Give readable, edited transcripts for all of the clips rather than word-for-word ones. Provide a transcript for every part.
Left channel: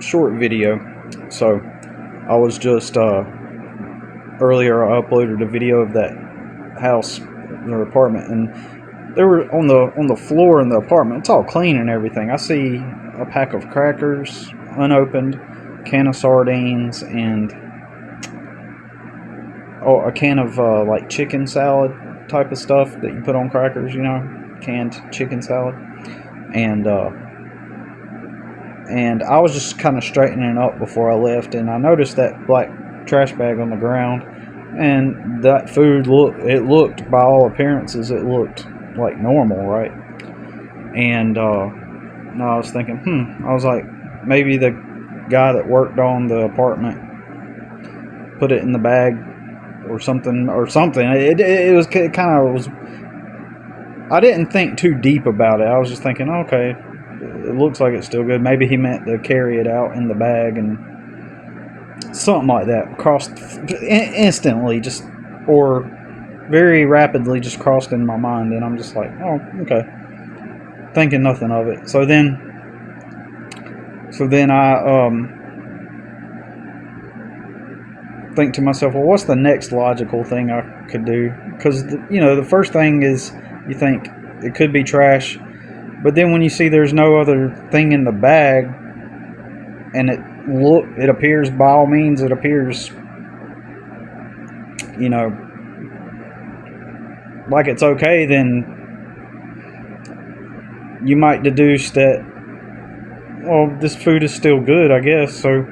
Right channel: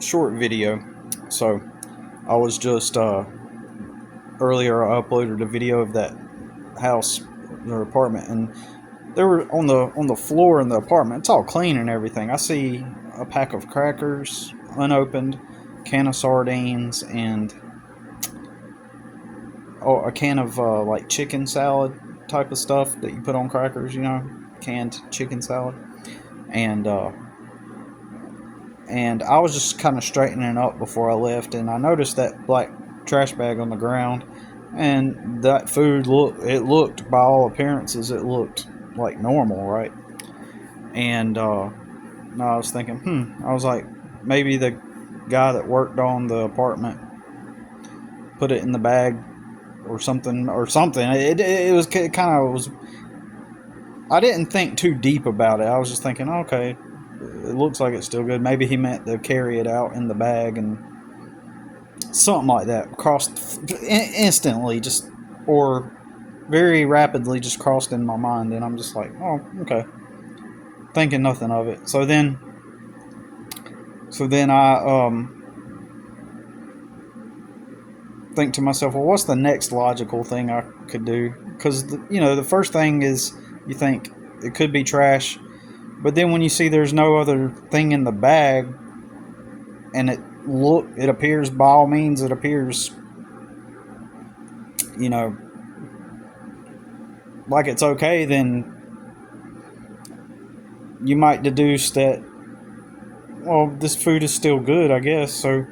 short video. So I was just earlier I uploaded a video of that house or apartment, and they were on the floor in the apartment. It's all clean and everything. I see a pack of crackers unopened, can of sardines, and a can of like chicken salad type of stuff that you put on crackers, canned chicken salad. And I was just kind of straightening up before I left, and I noticed that black trash bag on the ground, and that food looked, by all appearances, it looked like normal, right? And I was thinking, I was like, maybe the guy that worked on the apartment put it in the bag or something. It was kind of was. I didn't think too deep about it. I was just thinking, okay, it looks like it's still good. Maybe he meant to carry it out in the bag, and something like that crossed instantly, just, or very rapidly, just crossed in my mind. And I'm just like, oh, okay, thinking nothing of it. So then I think to myself, well, what's the next logical thing I could do? Because the first thing is, you think it could be trash, but then when you see there's no other thing in the bag, and it appears, by all means, it appears, like it's okay, then you might deduce that, well, this food is still good, I guess. So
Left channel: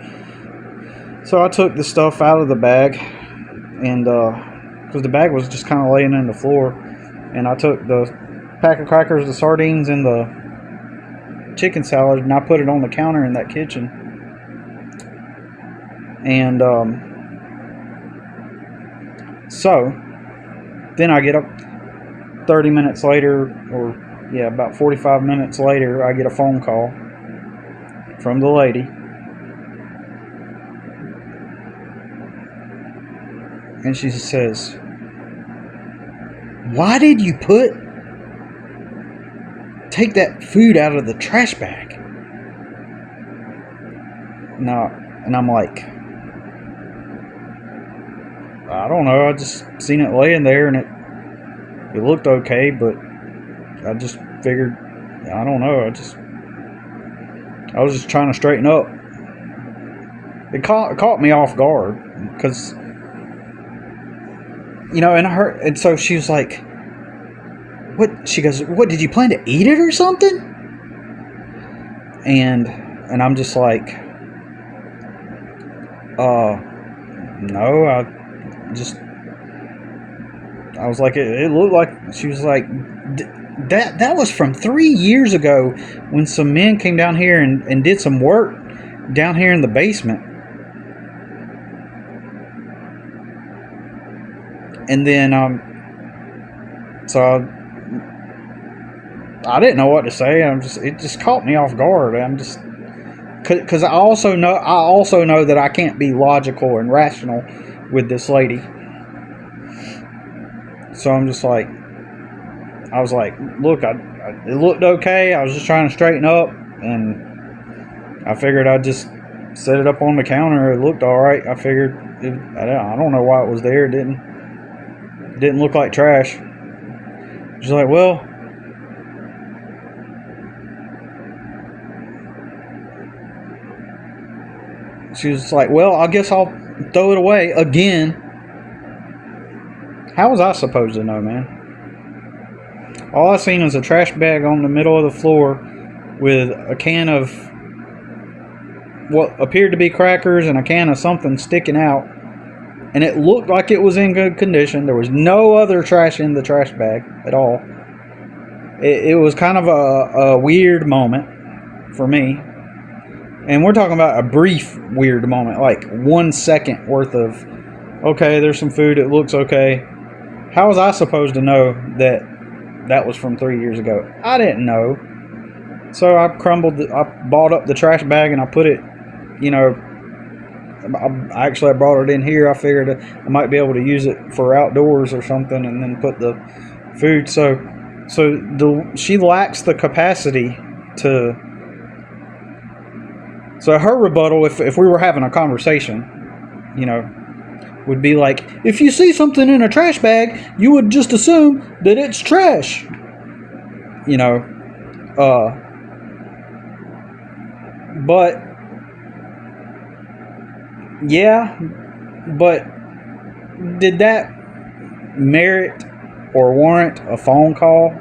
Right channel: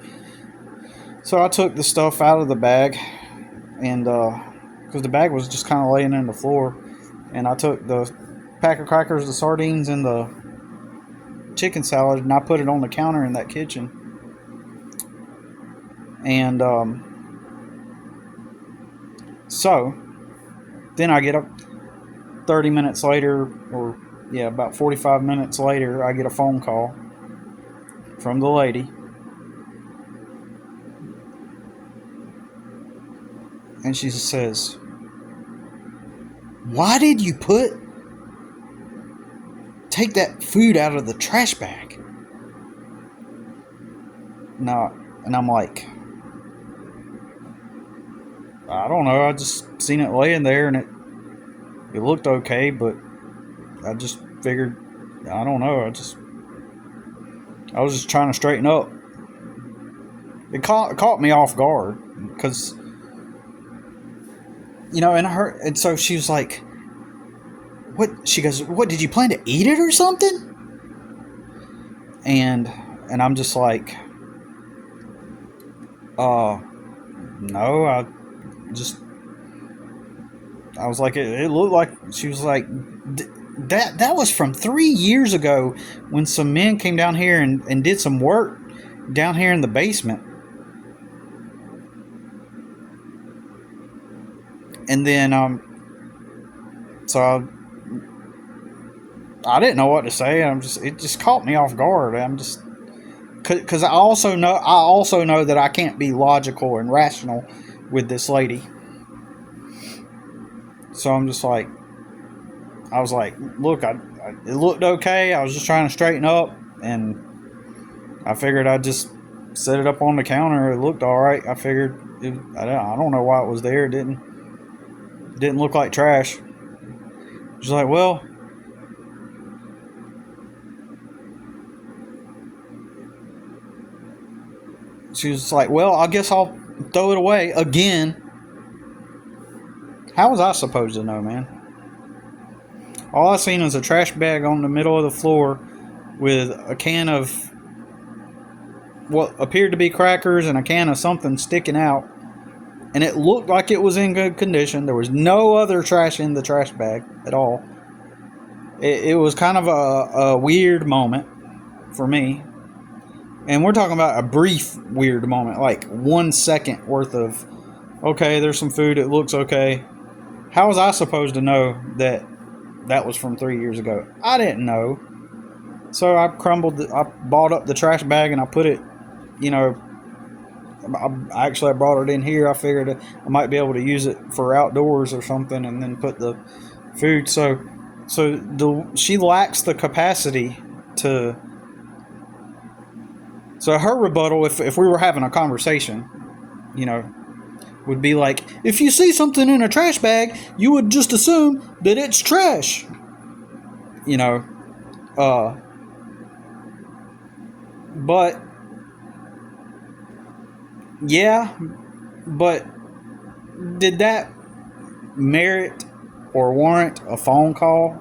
I took the stuff out of the bag, and because the bag was just kind of laying on the floor, and I took the pack of crackers, the sardines, and the chicken salad, and I put it on the counter in that kitchen. And so then I get up 30 minutes later, or about 45 minutes later, I get a phone call from the lady. And she says, "Why did you take that food out of the trash bag?" Now, and I'm like, I don't know. I just seen it laying there, and it looked okay, but I just figured, I don't know. I was just trying to straighten up. It caught me off guard, because and so she was like, "What?" She goes, "What, did you plan to eat it or something?" And I'm just like, no, I was like, it looked like," she was like, that was from 3 years ago, when some men came down here and did some work down here in the basement. And then so I didn't know what to say. It just caught me off guard. Because I also know that I can't be logical and rational with this lady. So I'm just like, I was like, look, it looked okay. I was just trying to straighten up, and I figured I'd just set it up on the counter. It looked all right. I figured, I don't know why it was there. It didn't look like trash. She's like, well, she was like, well, I guess I'll throw it away again. How was I supposed to know, man? All I seen was a trash bag on the middle of the floor with a can of what appeared to be crackers and a can of something sticking out. And it looked like it was in good condition. There was no other trash in the trash bag at all. It was kind of a weird moment for me. And we're talking about a brief weird moment, like 1 second worth of, okay, there's some food, it looks okay. How was I supposed to know that was from 3 years ago? I didn't know. So I bought up the trash bag, and I put it, I brought it in here. I figured I might be able to use it for outdoors or something, and then put the food. So she lacks the capacity to So her rebuttal, if we were having a conversation, you know, would be like, if you see something in a trash bag, you would just assume that it's trash. You know, but yeah, but did that merit or warrant a phone call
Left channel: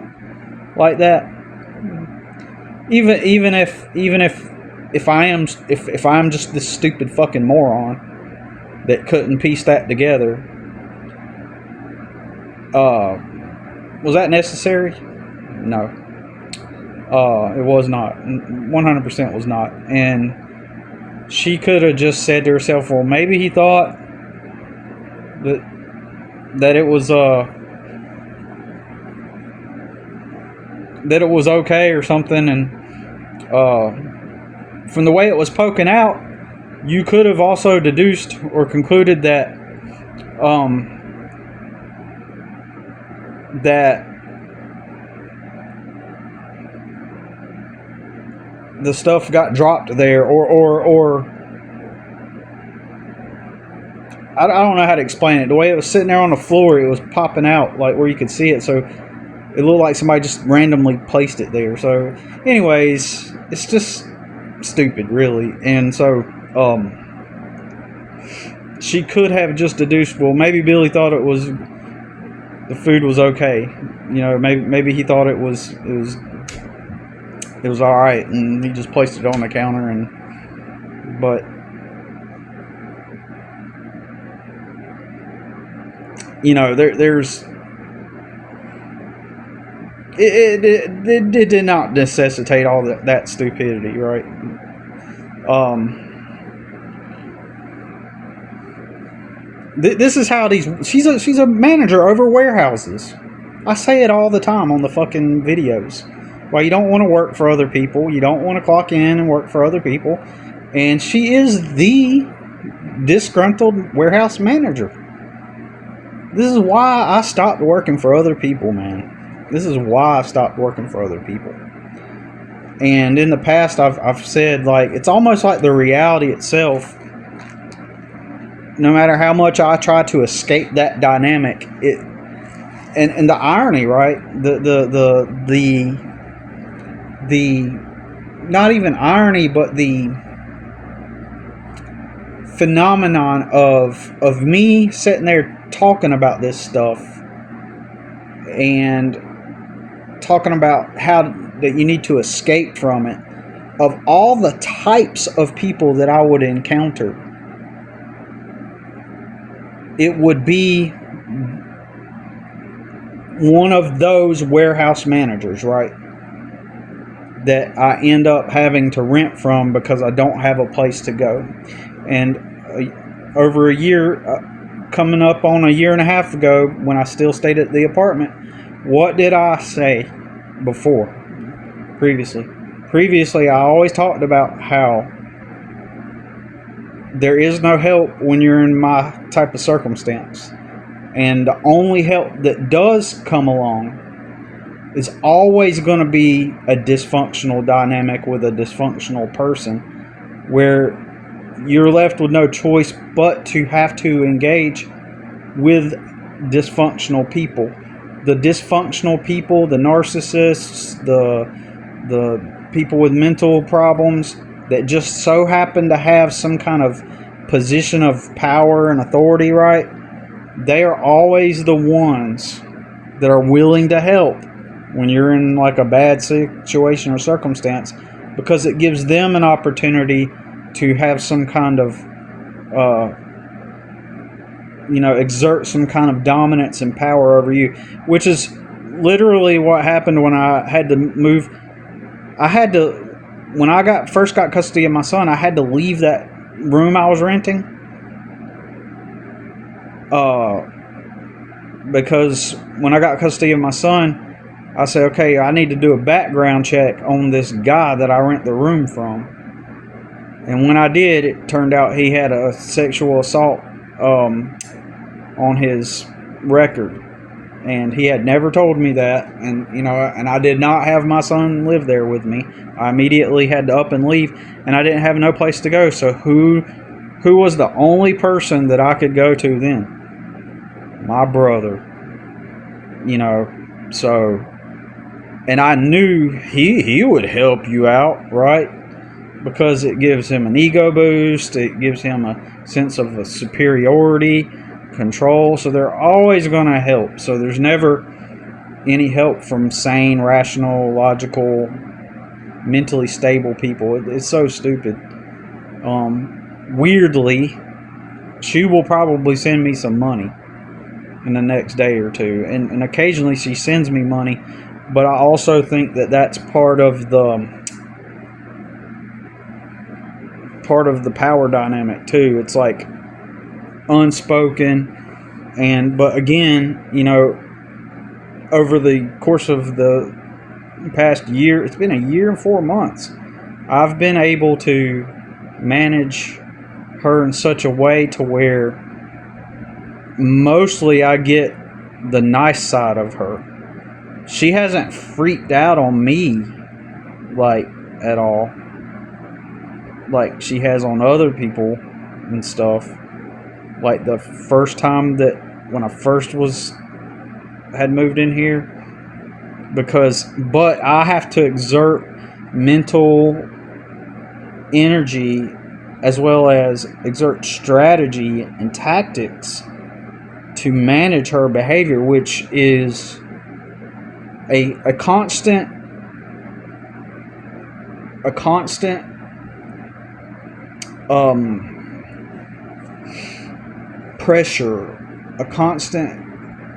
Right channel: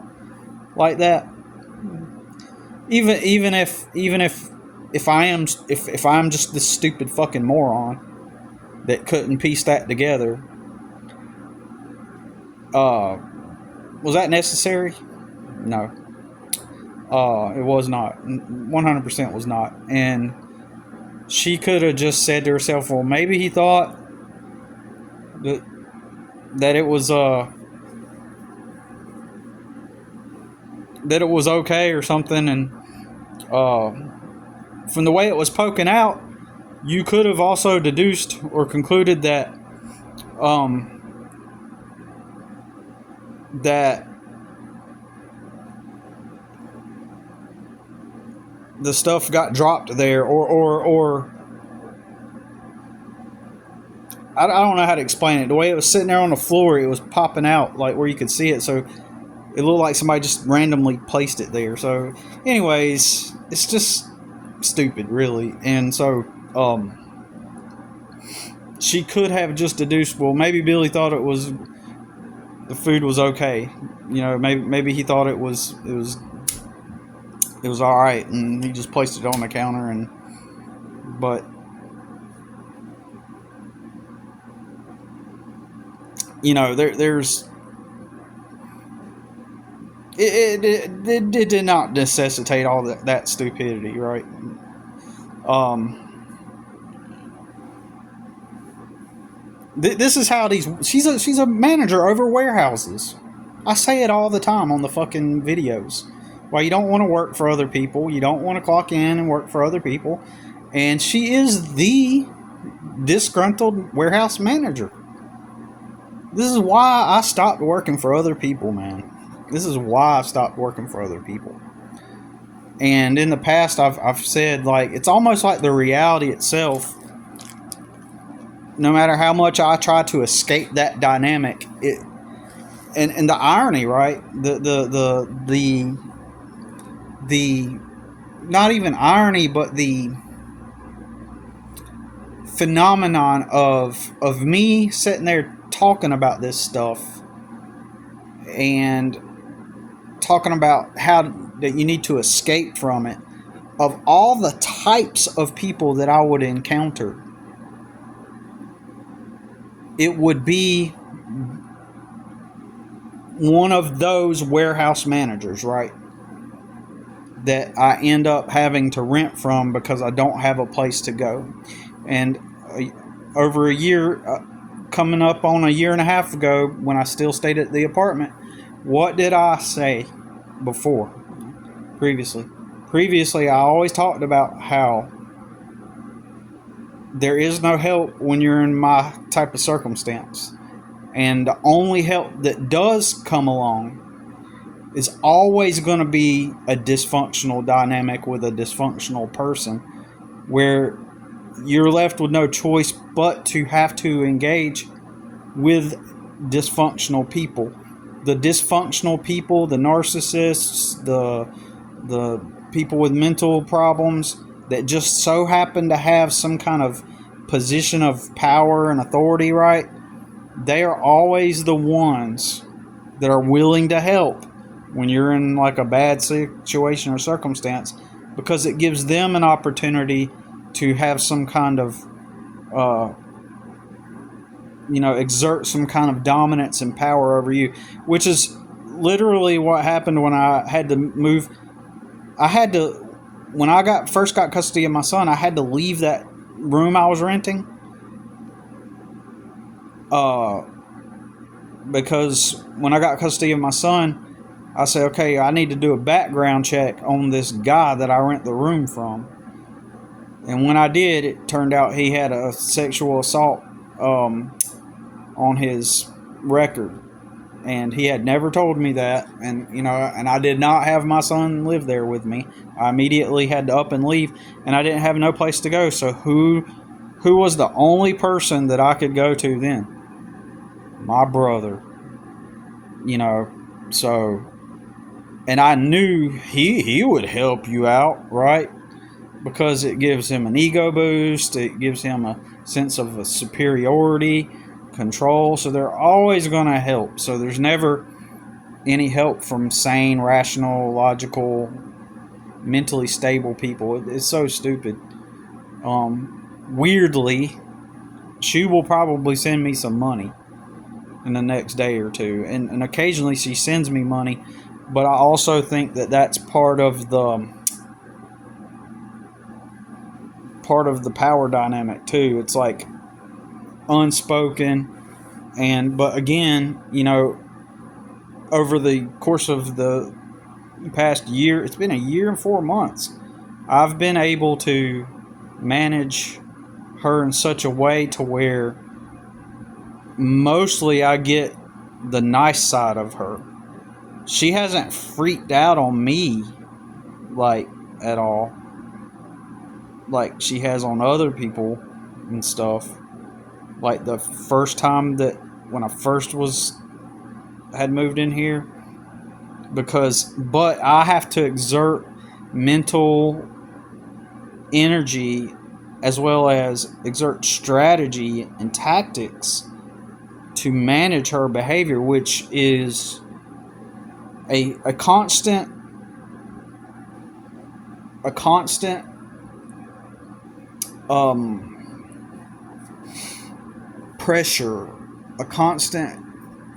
like that? Even if I'm just this stupid fucking moron that couldn't piece that together, was that necessary? No. It was not. 100% was not. And she could have just said to herself, well, maybe he thought that it was okay or something. And from the way it was poking out, you could have also deduced or concluded that that the stuff got dropped there, or I don't know how to explain it. The way it was sitting there on the floor, it was popping out like where you could see it, so it looked like somebody just randomly placed it there. So anyways, it's just stupid, really. And so she could have just deduced, well, maybe Billy thought the food was okay. You know, maybe he thought it was all right, and he just placed it on the counter. But you know, there's it did not necessitate all that stupidity, right? This is how she's a manager over warehouses. I say it all the time on the fucking videos. Well, you don't want to work for other people. You don't want to clock in and work for other people. And she is the disgruntled warehouse manager. This is why I stopped working for other people, man. This is why I stopped working for other people. And in the past, I've said, like, it's almost like the reality itself. No matter how much I try to escape that dynamic, and the irony, right? The not even irony, but the phenomenon of me sitting there talking about this stuff and talking about how that you need to escape from it, of all the types of people that I would encounter, it would be one of those warehouse managers, right, that I end up having to rent from because I don't have a place to go. And over a year, coming up on a year and a half ago, when I still stayed at the apartment, what did I say before? Previously, I always talked about how there is no help when you're in my type of circumstance. And the only help that does come along is always going to be a dysfunctional dynamic with a dysfunctional person, where you're left with no choice but to have to engage with dysfunctional people. The dysfunctional people, the narcissists, the people with mental problems that just so happen to have some kind of position of power and authority, right? They are always the ones that are willing to help when you're in like a bad situation or circumstance, because it gives them an opportunity to have some kind of exert some kind of dominance and power over you, which is literally what happened when I had to move. When I first got custody of my son, I had to leave that room I was renting, because when I got custody of my son, I said, okay, I need to do a background check on this guy that I rent the room from. And when I did, it turned out he had a sexual assault on his record. and he had never told me that. And and I did not have my son live there with me. I immediately had to up and leave, and I didn't have no place to go. So who was the only person that I could go to then? My brother. So, and I knew he would help you out, right? Because it gives him an ego boost. It gives him a sense of a superiority, control. So they're always going to help. So there's never any help from sane, rational, logical, mentally stable people. It's so stupid. Weirdly, she will probably send me some money in the next day or two, and occasionally she sends me money, but I also think that that's part of the power dynamic too. It's like unspoken, but again, over the course of the past year, it's been a year and 4 months, I've been able to manage her in such a way to where mostly I get the nice side of her. She hasn't freaked out on me like at all, like she has on other people and stuff. Like the first time that when I first had moved in here, but I have to exert mental energy as well as exert strategy and tactics to manage her behavior, which is a constant pressure,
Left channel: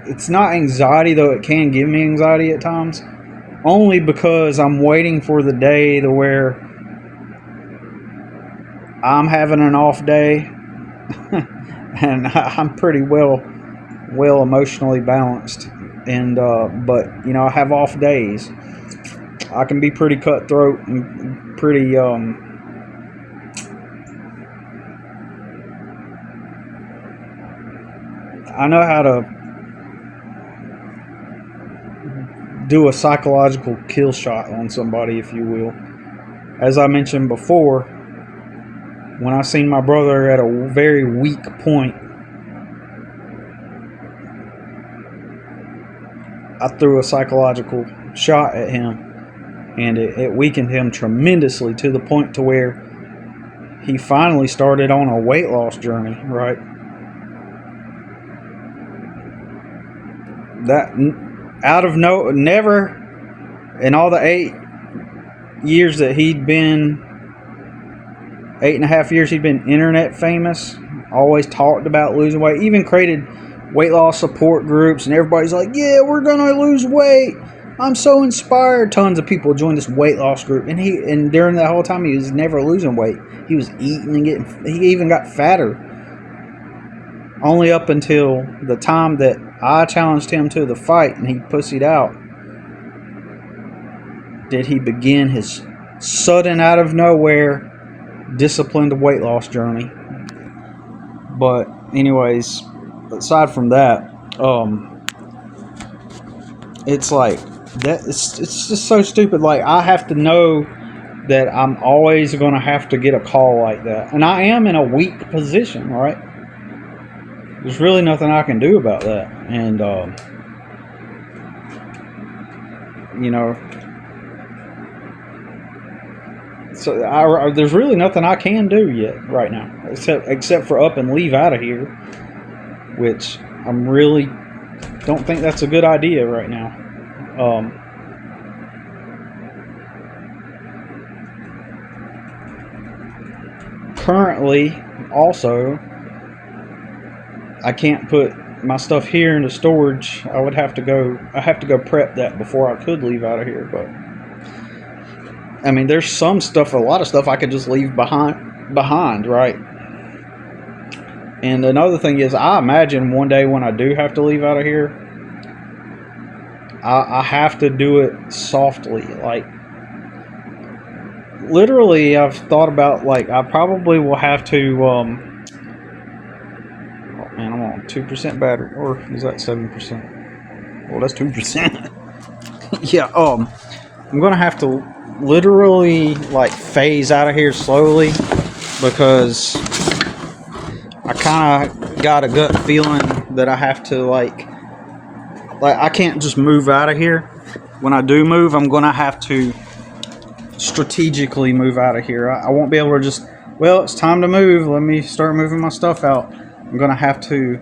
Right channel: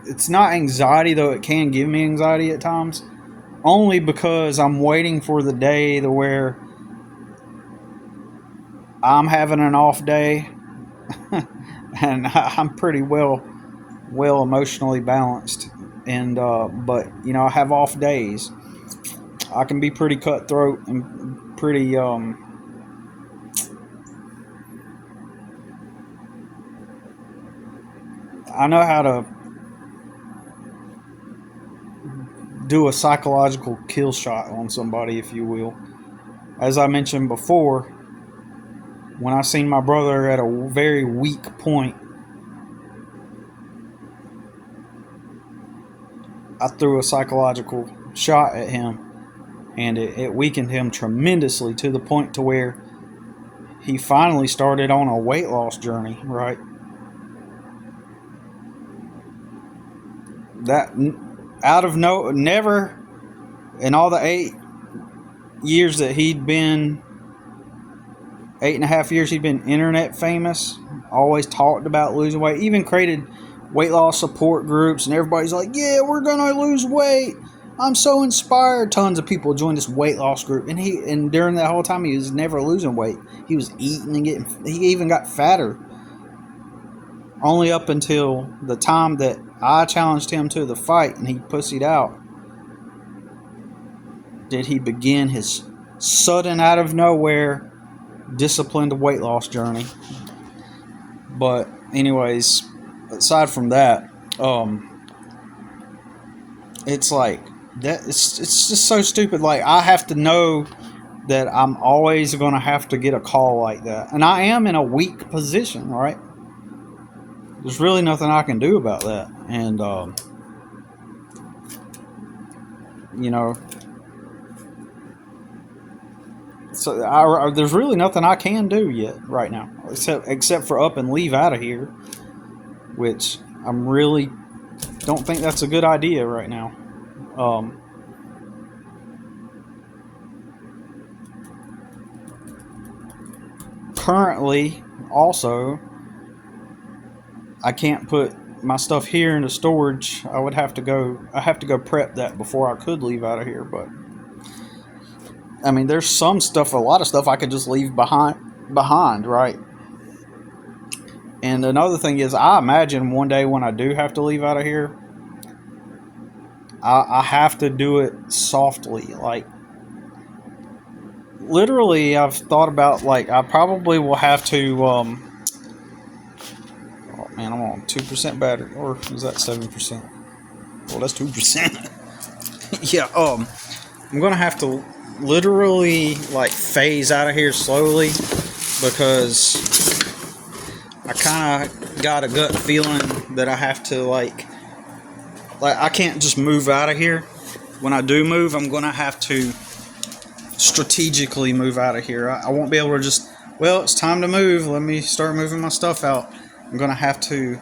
it's not anxiety, though it can give me anxiety at times, only because I'm waiting for the day to where I'm having an off day and I'm pretty well emotionally balanced, and but I have off days. I can be pretty cutthroat and pretty I know how to do a psychological kill shot on somebody, if you will. As I mentioned before, when I seen my brother at a very weak point, I threw a psychological shot at him, and it weakened him tremendously to the point to where he finally started on a weight loss journey, right? That never in all the 8.5 years he'd been internet famous, always talked about losing weight, even created weight loss support groups, and everybody's like, yeah, we're gonna lose weight, I'm so inspired. Tons of people joined this weight loss group, and during that whole time he was never losing weight. He was eating and he even got fatter, only up until the time that I challenged him to the fight and he pussied out did he begin his sudden, out of nowhere, disciplined weight loss journey. But anyways, aside from that, it's like that. It's just so stupid. Like, I have to know that I'm always going to have to get a call like that, and I am in a weak position, right? There's really nothing I can do about that, and so there's really nothing I can do yet right now, except for up and leave out of here, which I'm really don't think that's a good idea right now. Currently, also, I can't put my stuff here into storage. I have to go prep that before I could leave out of here. But I mean, there's a lot of stuff I could just leave behind, right? And another thing is, I imagine one day when I do have to leave out of here, I have to do it softly. Like, literally, I've thought about, like, I probably will have to, oh man, I'm on 2% battery, or is that 7%? Well, that's 2%. Yeah, I'm gonna have to literally like phase out of here slowly because I kind of got a gut feeling that I have to like I can't just move out of here. When I do move, I'm gonna have to strategically move out of here. I won't be able to just, well, it's time to move, let me start moving my stuff out. I'm gonna have to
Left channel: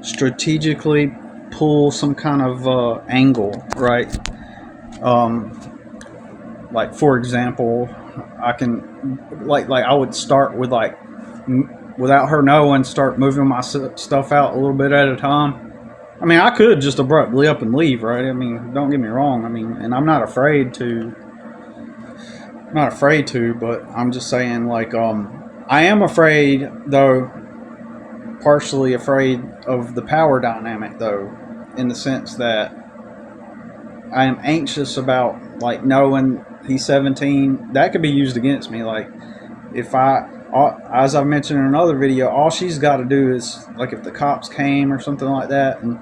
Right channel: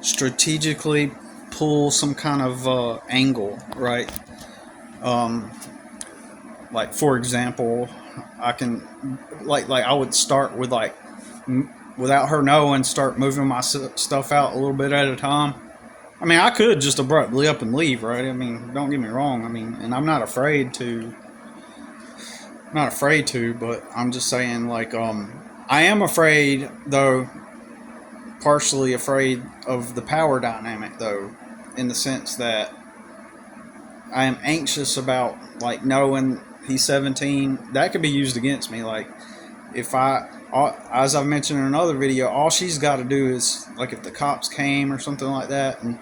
strategically pull some kind of angle, right? Like for example, I can like I would start with like without her knowing, start moving my stuff out a little bit at a time. I mean, I could just abruptly up and leave, right? I mean, don't get me wrong. I mean, and I'm not afraid to. But I'm just saying, like, I am afraid, though, partially afraid of the power dynamic, though, in the sense that I am anxious about, like, knowing he's 17. That could be used against me. Like, if as I've mentioned in another video, all she's got to do is, like, if the cops came or something like that, and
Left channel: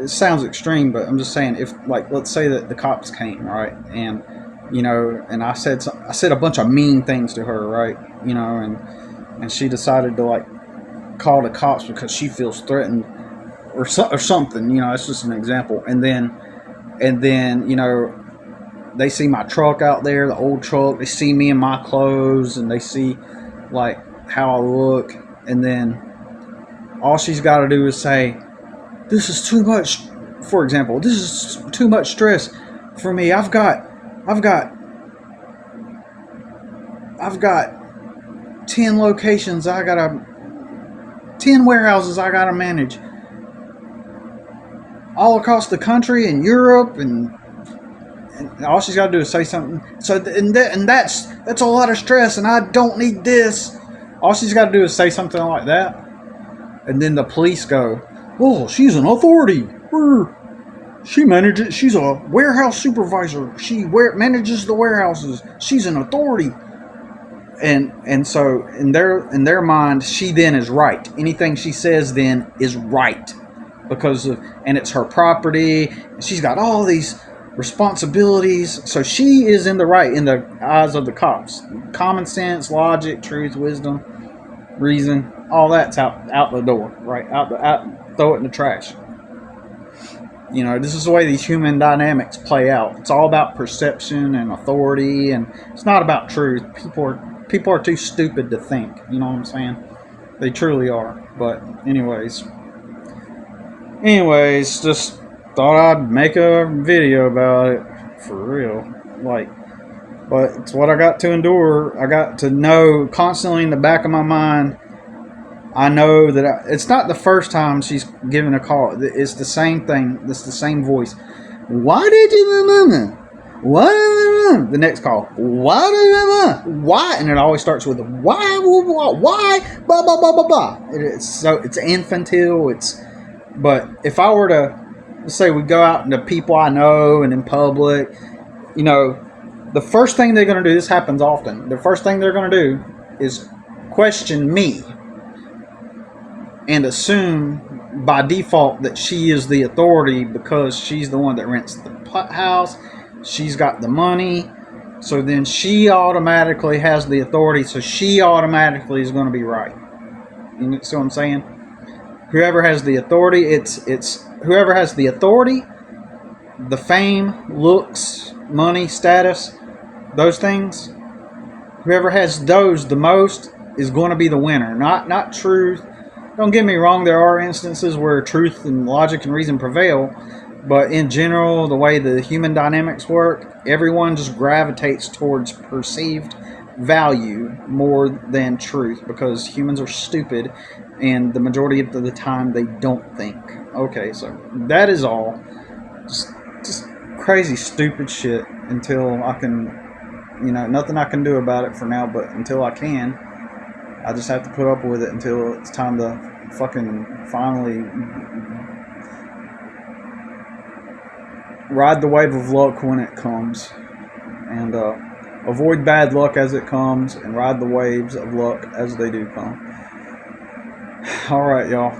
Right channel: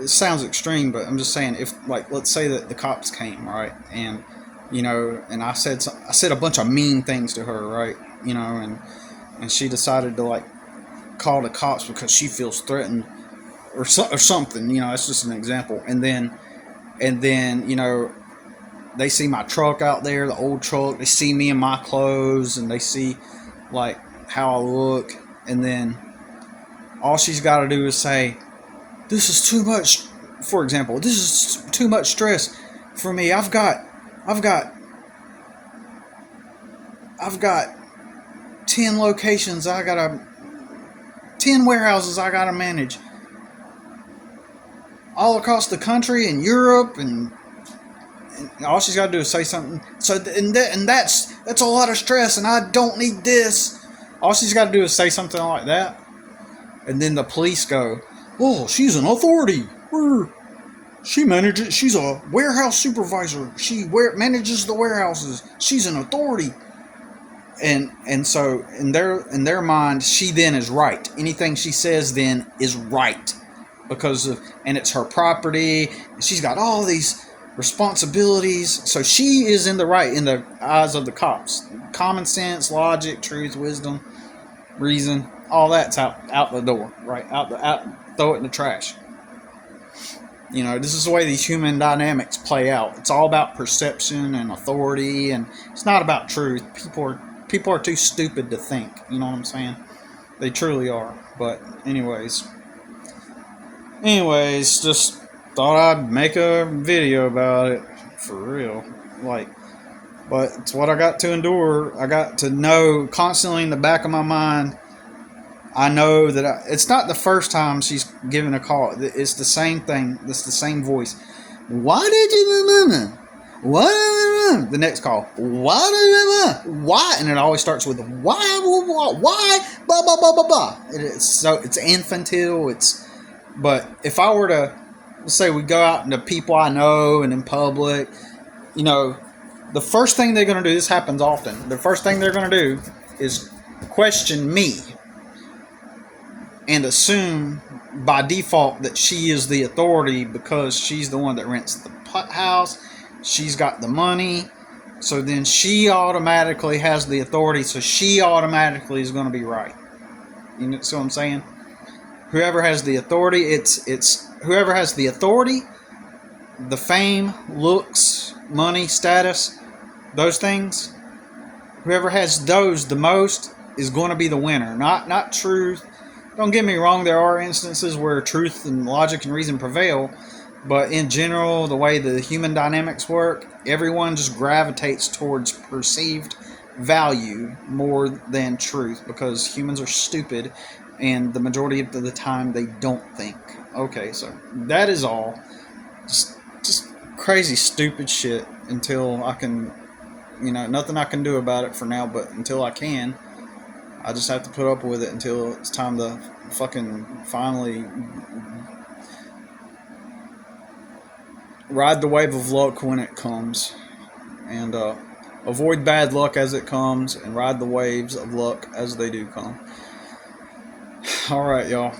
it sounds extreme, but I'm just saying, if, like, let's say that the cops came, right, and you know, and I said a bunch of mean things to her, right, you know, and she decided to like call the cops because she feels threatened or something, you know. It's just an example. And then you know, they see my truck out there, the old truck. They see me in my clothes, and they see like how I look, and then all she's got to do is say, "This is too much." For example, this is too much stress for me. I've got 10 locations. 10 warehouses I gotta manage all across the country and Europe, and all she's got to do is say something. So and that's a lot of stress, and I don't need this. All she's got to do is say something like that, and then the police go, "Oh, she's an authority. She manages. She's a warehouse supervisor. She manages the warehouses. She's an authority." And so in their mind, she then is right. Anything she says then is right and it's her property. And she's got all these responsibilities, so she is in the right in the eyes of the cops. Common sense, logic, truth, wisdom, reason, all that's out the door, right? Throw it in the trash. You know, this is the way these human dynamics play out. It's all about perception and authority, and it's not about truth. People are too stupid to think. You know what I'm saying? They truly are. But anyways, just thought I'd make a video about it for real. Like, but it's what I got to endure. I got to know constantly in the back of my mind. I know that it's not the first time she's given a call. It's the same thing. It's the same voice. Why did you? What? The next call. Why? And it always starts with why? Blah blah blah blah blah. It's infantile. But if I were to, let's say we go out into people I know and in public, you know, the first thing they're going to do. This happens often. The first thing they're going to do is question me. And assume by default that she is the authority because she's the one that rents the house. She's got the money. So then she automatically has the authority. So she automatically is going to be right. You see what I'm saying? Whoever has the authority, it's whoever has the authority, the fame, looks, money, status, those things. Whoever has those the most is going to be the winner. Not truth. Don't get me wrong, there are instances where truth and logic and reason prevail, but in general, the way the human dynamics work, everyone just gravitates towards perceived value more than truth because humans are stupid and the majority of the time they don't think. Okay, so that is all. Just crazy, stupid shit until I can, you know, nothing I can do about it for now, but until I can, I just have to put up with it until it's time to fucking finally ride the wave of luck when it comes, and avoid bad luck as it comes, and ride the waves of luck as they do come. Alright, y'all.